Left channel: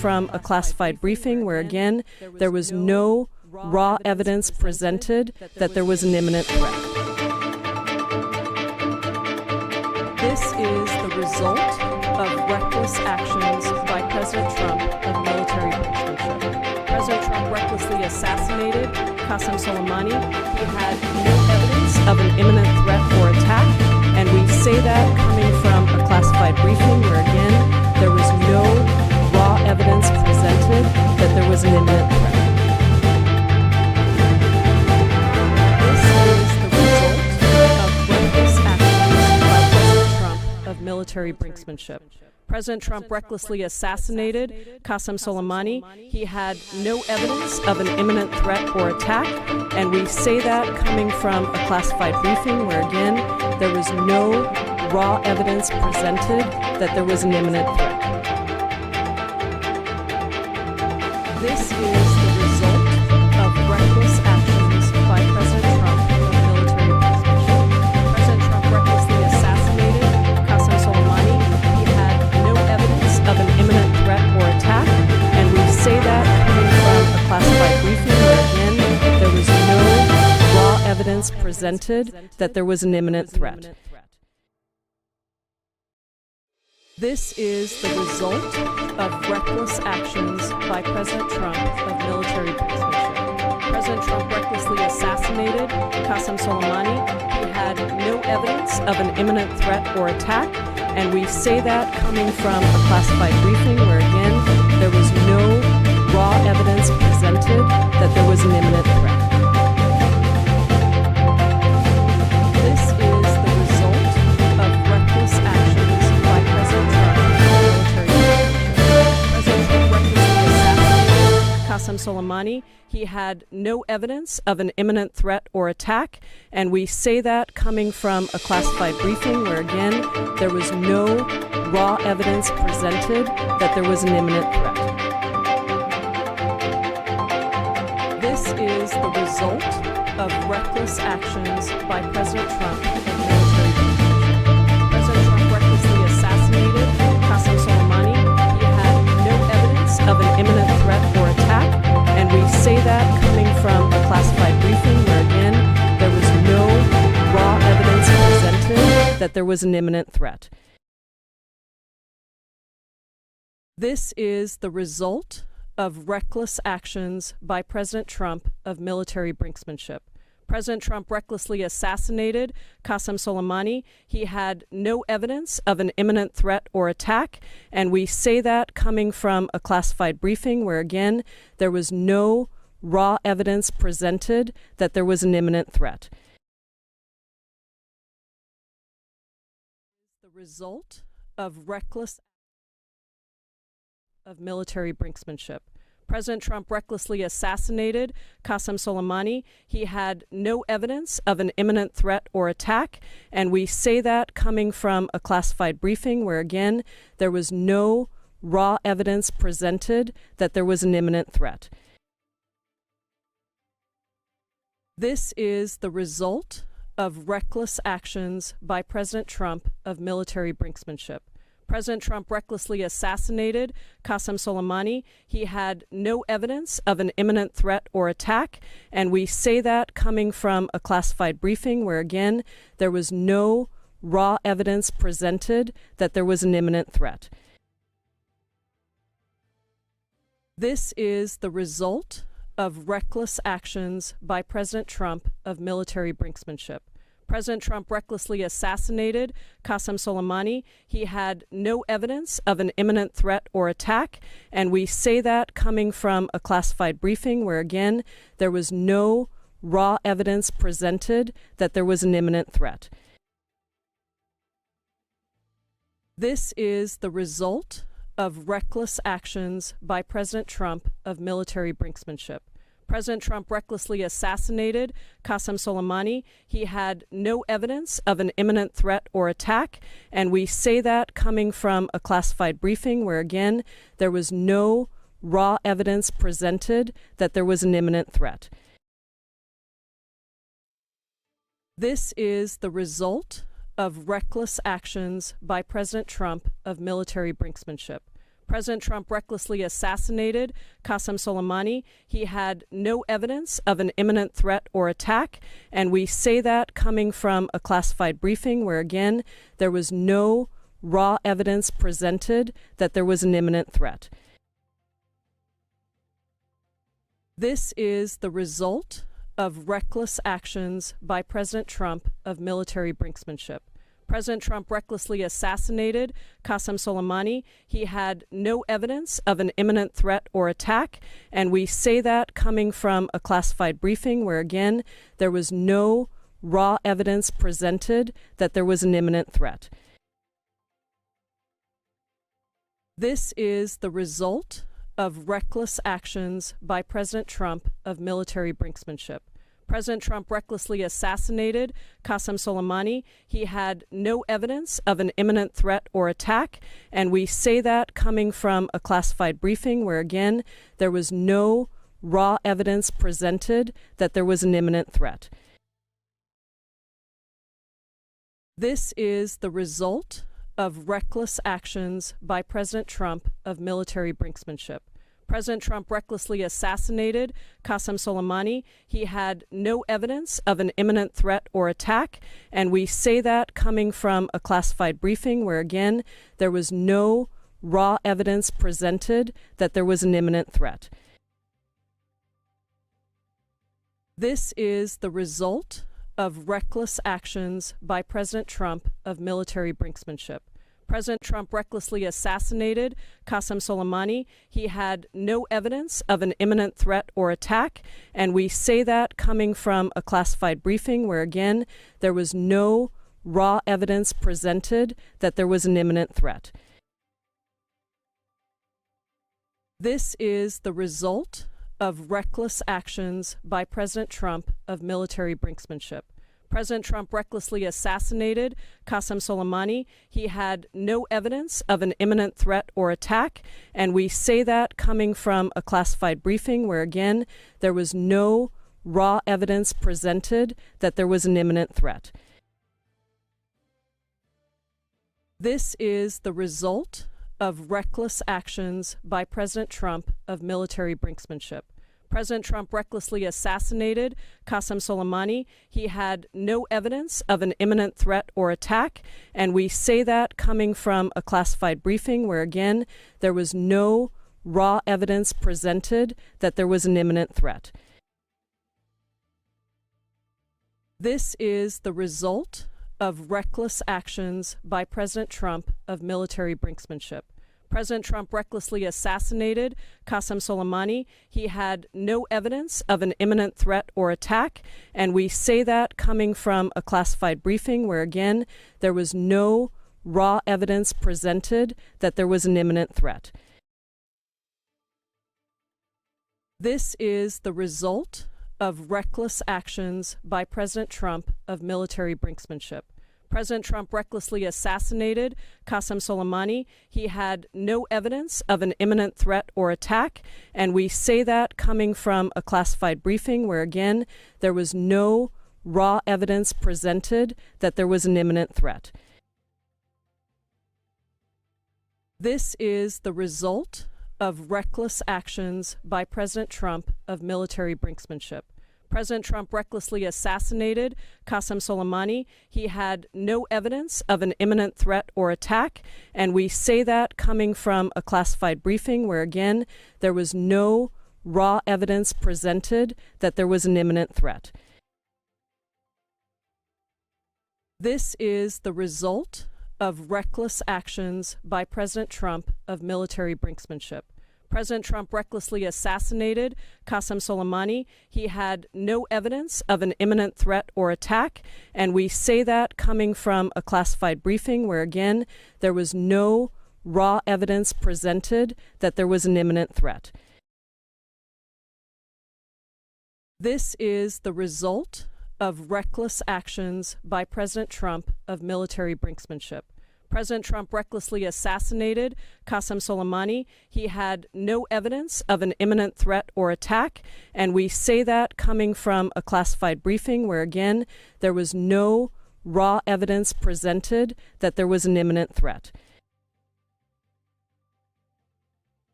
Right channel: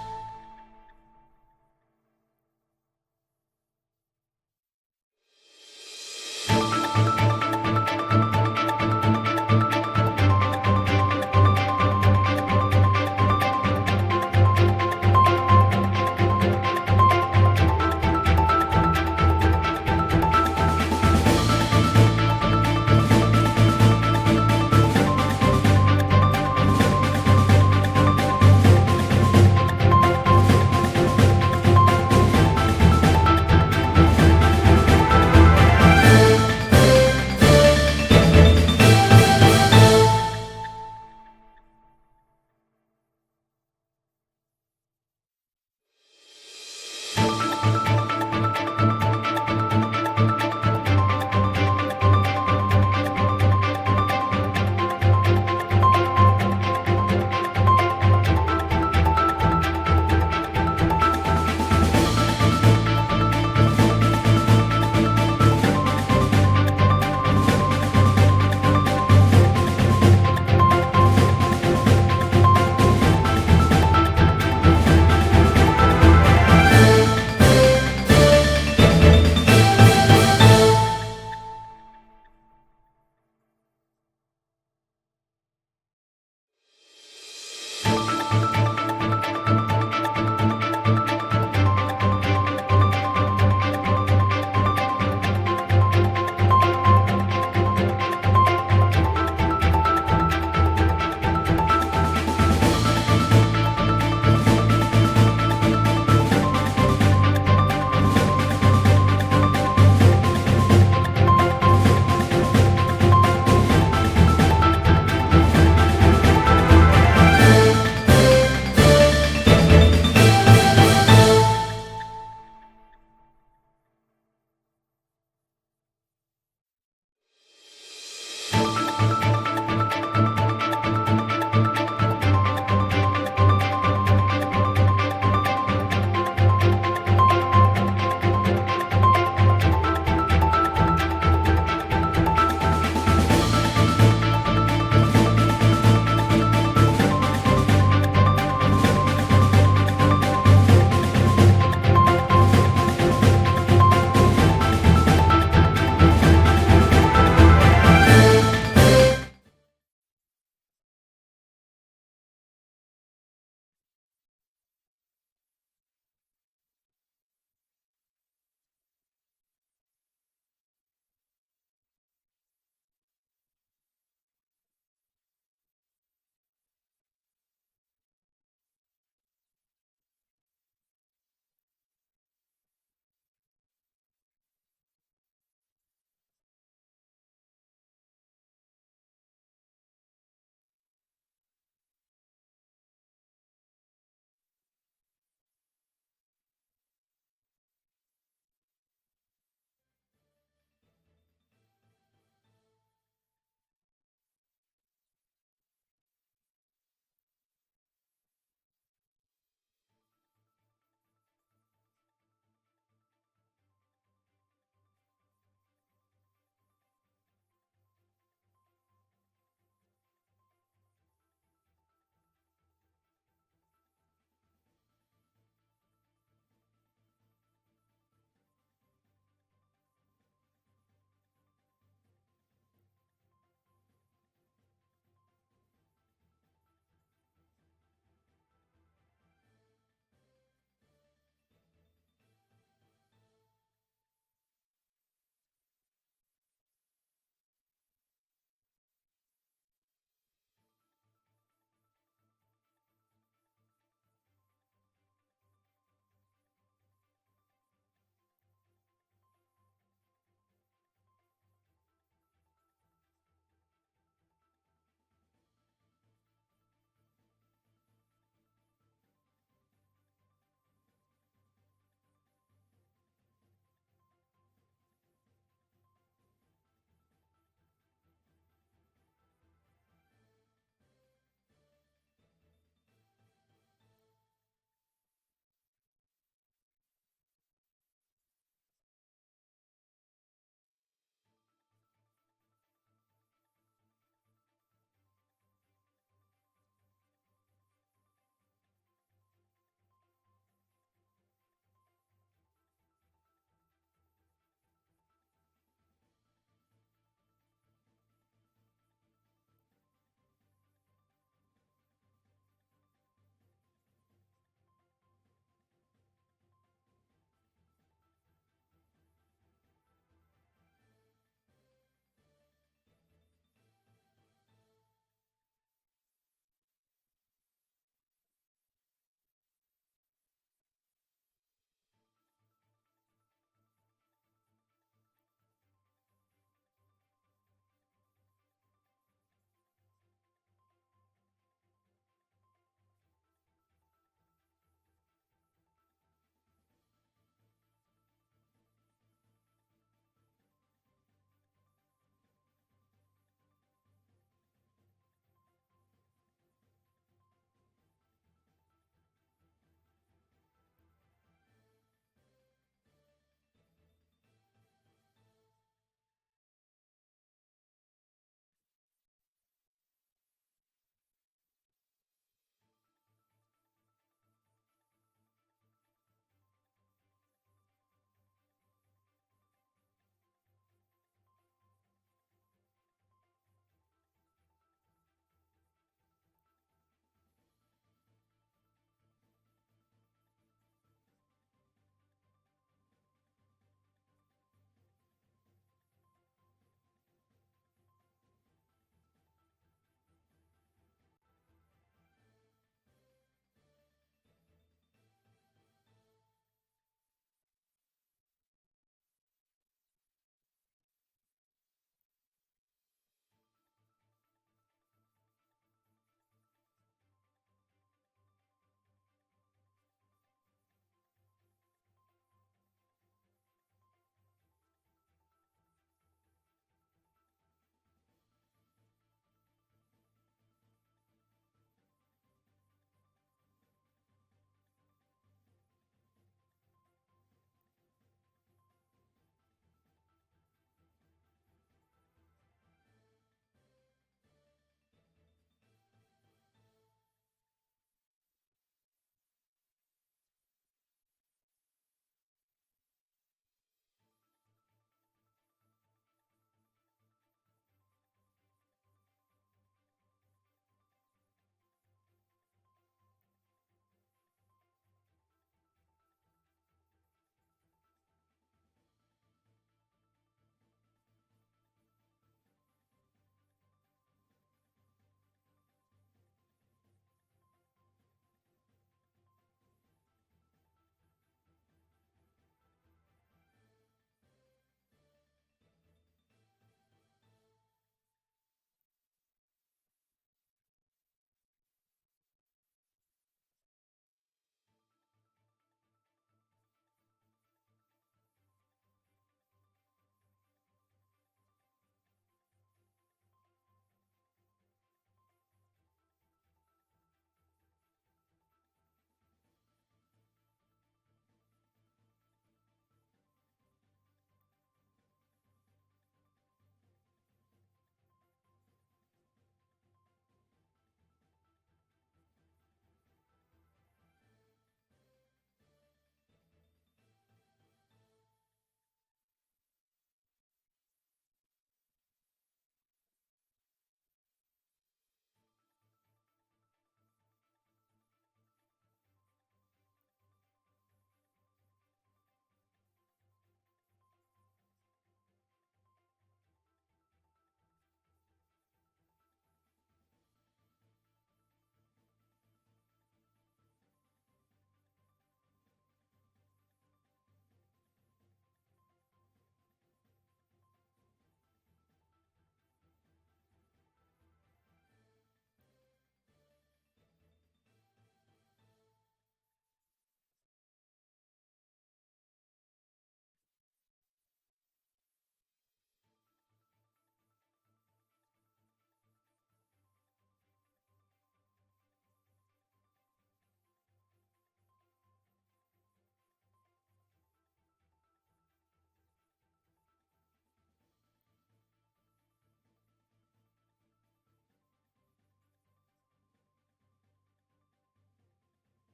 from a classified briefing where, again, there was no raw evidence presented that there was an imminent threat. This is the result of reckless actions by President Trump of military intervention. President Trump recklessly assassinated Qasem Soleimani, who had no evidence of an imminent threat or attack, and we say that coming from a classified briefing where, again, there was no raw evidence presented that there was an imminent threat. Military brinksmanship. President Trump recklessly assassinated Qasem Soleimani. He had no evidence of an imminent threat or attack, and we say that coming from a classified briefing where, again, there was no raw evidence presented that there was an imminent threat. This is the result of reckless actions by President Trump of military presented that there was an imminent threat. This is the result of reckless actions by President Trump of military brinksmanship. President Trump recklessly assassinated Qasem Soleimani, who had no evidence of an imminent threat or attack, and we say that coming from a classified briefing where, again, there was no raw evidence presented that there was an imminent threat. Soleimani, he had no evidence of an imminent threat or attack, and we say that coming from a classified briefing where, again, there was no raw evidence presented that there was an imminent threat. This is the result of reckless actions by President Trump. President Trump recklessly assassinated Qasem Soleimani. He had no evidence of an imminent threat or attack, and we say that coming from a classified briefing where, again, there was no raw evidence presented that there was an imminent threat. This is the result of reckless actions by President Trump of military brinksmanship. President Trump recklessly assassinated Qasem Soleimani. He had no evidence of an imminent threat or attack, and we say that coming from a classified briefing where, again, there was no raw evidence presented that there was an imminent threat. The result of reckless of military brinksmanship. President Trump recklessly assassinated Qasem Soleimani. He had no evidence of an imminent threat or attack, and we say that coming from a classified briefing where, again, there was no raw evidence presented that there was an imminent threat. This is the result of reckless actions by President Trump of military brinksmanship. President Trump recklessly assassinated Qasem Soleimani. He had no evidence of an imminent threat or attack, and we say that coming from a classified briefing where, again, there was no raw evidence presented that there was an imminent threat. This is the result of reckless actions by President Trump of military brinksmanship. President Trump recklessly assassinated Qasem Soleimani. He had no evidence of an imminent threat or attack, and we say that coming from a classified briefing where, again, there was no raw evidence presented that there was an imminent threat. This is the result of reckless actions by President Trump of military brinksmanship. President Trump recklessly assassinated Qasem Soleimani. He had no evidence of an imminent threat or attack, and we say that coming from a classified briefing where, again, there was no raw evidence presented that there was an imminent threat. This is the result of reckless actions by President Trump of military brinksmanship. President Trump recklessly assassinated Qasem Soleimani. He had no evidence of an imminent threat or attack, and we say that coming from a classified briefing where, again, there was no raw evidence presented that there was an imminent threat. This is the result of reckless actions by President Trump of military brinksmanship. President Trump recklessly assassinated Qasem Soleimani. He had no evidence of an imminent threat or attack, and we say that coming from a classified briefing where, again, there was no raw evidence presented that there was an imminent threat. This is the result of reckless actions by President Trump of military brinksmanship. President Trump recklessly assassinated Qasem Soleimani. He had no evidence of an imminent threat or attack, and we say that coming from a classified briefing where, again, there was no raw evidence presented that there was an imminent threat. This is the result of reckless actions by President Trump of military brinksmanship. President Trump recklessly assassinated Qasem Soleimani. He had no evidence of an imminent threat or attack, and we say that coming from a classified briefing where, again, there was no raw evidence presented that there was an imminent threat. This is the result of reckless actions by President Trump of military brinksmanship. President Trump recklessly assassinated Qasem Soleimani. He had no evidence of an imminent threat or attack, and we say that coming from a classified briefing where, again, there was no raw evidence presented that there was an imminent threat. This is the result of reckless actions by President Trump of military brinksmanship. President Trump recklessly assassinated Qasem Soleimani. He had no evidence of an imminent threat or attack, and we say that coming from a classified briefing where, again, there was no raw evidence presented that there was an imminent threat. This is the result of reckless actions by President Trump of military brinksmanship. President Trump recklessly assassinated Qasem Soleimani. He had no evidence of an imminent threat or attack, and we say that coming from a classified briefing where, again, there was no raw evidence presented that there was an imminent threat. This is the result of reckless actions by President Trump of military brinksmanship. President Trump recklessly assassinated Qasem Soleimani. He had no evidence of an imminent threat or attack, and we say that coming from a classified briefing where, again, there was no raw evidence presented that there was an imminent threat. This is the result of reckless actions by President Trump of military brinksmanship. President Trump recklessly assassinated Qasem Soleimani. He had no evidence of an imminent threat or attack, and we say that coming from a classified briefing where, again, there was no raw evidence presented that there was an imminent threat. This is the result of reckless actions by President Trump of military brinksmanship. President Trump recklessly assassinated Qasem Soleimani. He had no evidence of an imminent threat or attack, and we say that coming from a classified briefing where, again, there was no raw evidence presented that there was an imminent threat. This is the result of reckless actions by President Trump of military brinksmanship. President Trump recklessly assassinated Qasem Soleimani. He had no evidence of an imminent threat or attack, and we say that coming from a classified briefing where, again, there was no raw evidence presented that there was an imminent threat. This is the result of reckless actions by President Trump of military brinksmanship. President Trump recklessly assassinated Qasem Soleimani. He had no evidence of an imminent threat or attack, and we say that coming from a classified briefing where, again, there was no raw evidence presented that there was an imminent threat.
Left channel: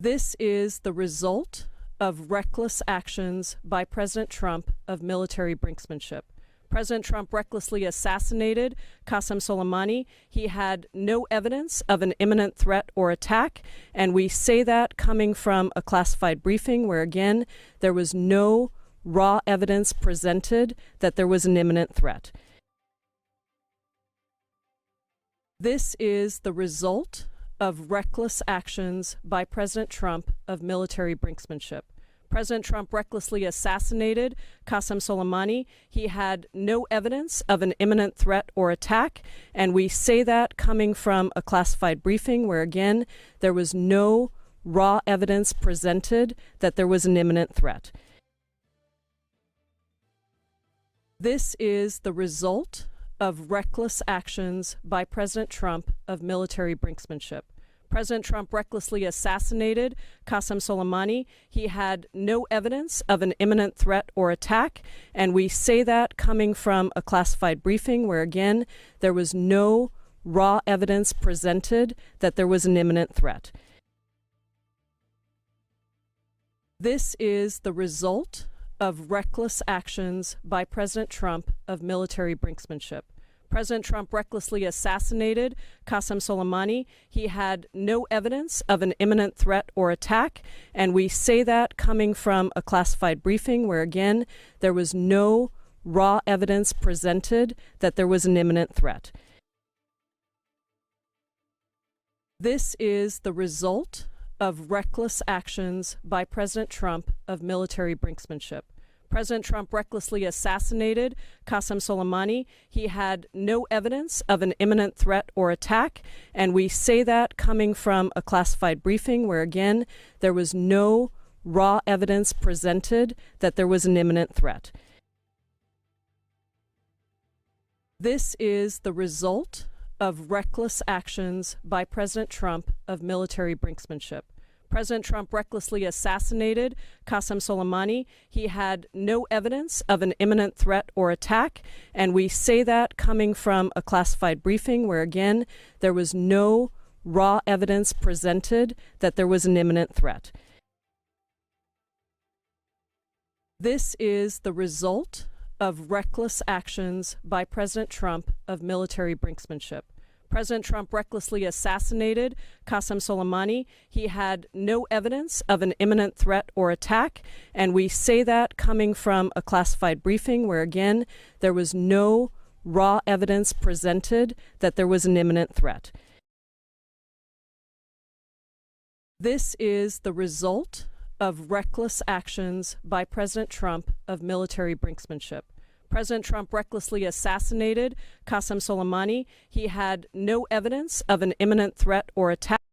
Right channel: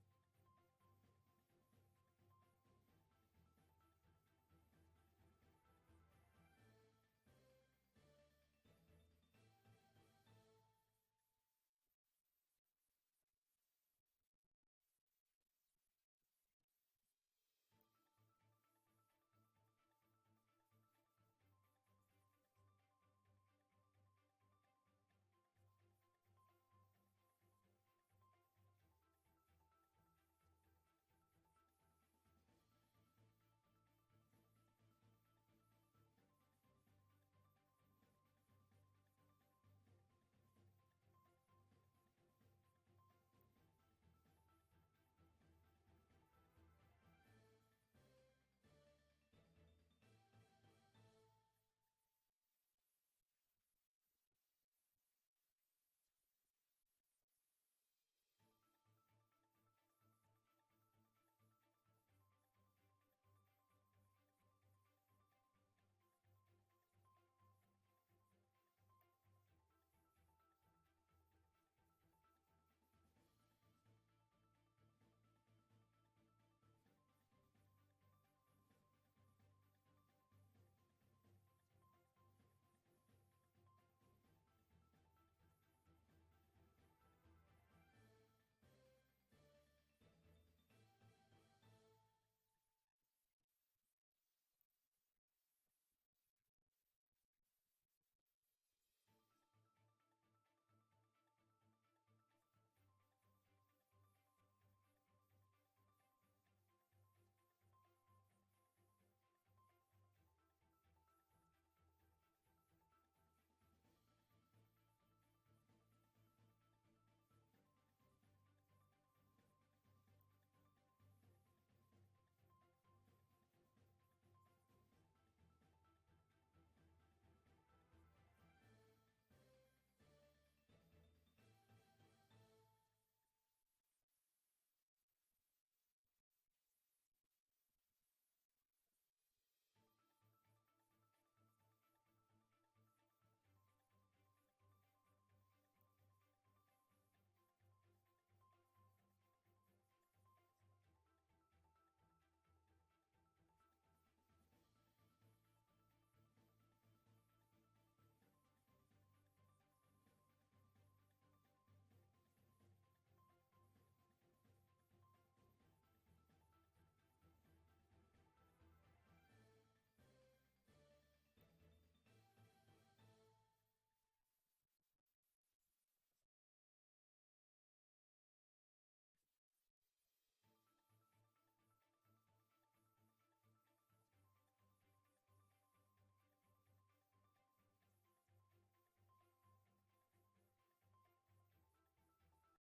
This is the result of reckless actions by President Trump of military brinksmanship. President Trump recklessly assassinated Qasem Soleimani. He had no evidence of an imminent threat or attack, and we say that coming from a classified briefing where, again, there was no raw evidence presented that there was an imminent threat. This is the result of reckless actions by President Trump of military brinksmanship. President Trump recklessly assassinated Qasem Soleimani. He had no evidence of an imminent threat or attack, and we say that coming from a classified briefing where, again, there was no raw evidence presented that there was an imminent threat. This is the result of reckless actions by President Trump of military brinksmanship. President Trump recklessly assassinated Qasem Soleimani. He had no evidence of an imminent threat or attack, and we say that coming from a classified briefing where, again, there was no raw evidence presented that there was an imminent threat. This is the result of reckless actions by President Trump of military brinksmanship. President Trump recklessly assassinated Qasem Soleimani. He had no evidence of an imminent threat or attack, and we say that coming from a classified briefing where, again, there was no raw evidence presented that there was an imminent threat. This is the result of reckless actions by President Trump of military brinksmanship. President Trump recklessly assassinated Qasem Soleimani. He had no evidence of an imminent threat or attack, and we say that coming from a classified briefing where, again, there was no raw evidence presented that there was an imminent threat. This is the result of reckless actions by President Trump of military brinksmanship. President Trump recklessly assassinated Qasem Soleimani. He had no evidence of an imminent threat or attack, and we say that coming from a classified briefing where, again, there was no raw evidence presented that there was an imminent threat. This is the result of reckless actions by President Trump of military brinksmanship. President Trump recklessly assassinated Qasem Soleimani. He had no evidence of an imminent threat or attack, and we say that coming from a classified briefing where, again, there was no raw evidence presented that there was an imminent threat. This is the result of reckless actions by President Trump of military brinksmanship. President Trump recklessly assassinated Qasem Soleimani. He had no evidence of an imminent threat or attack.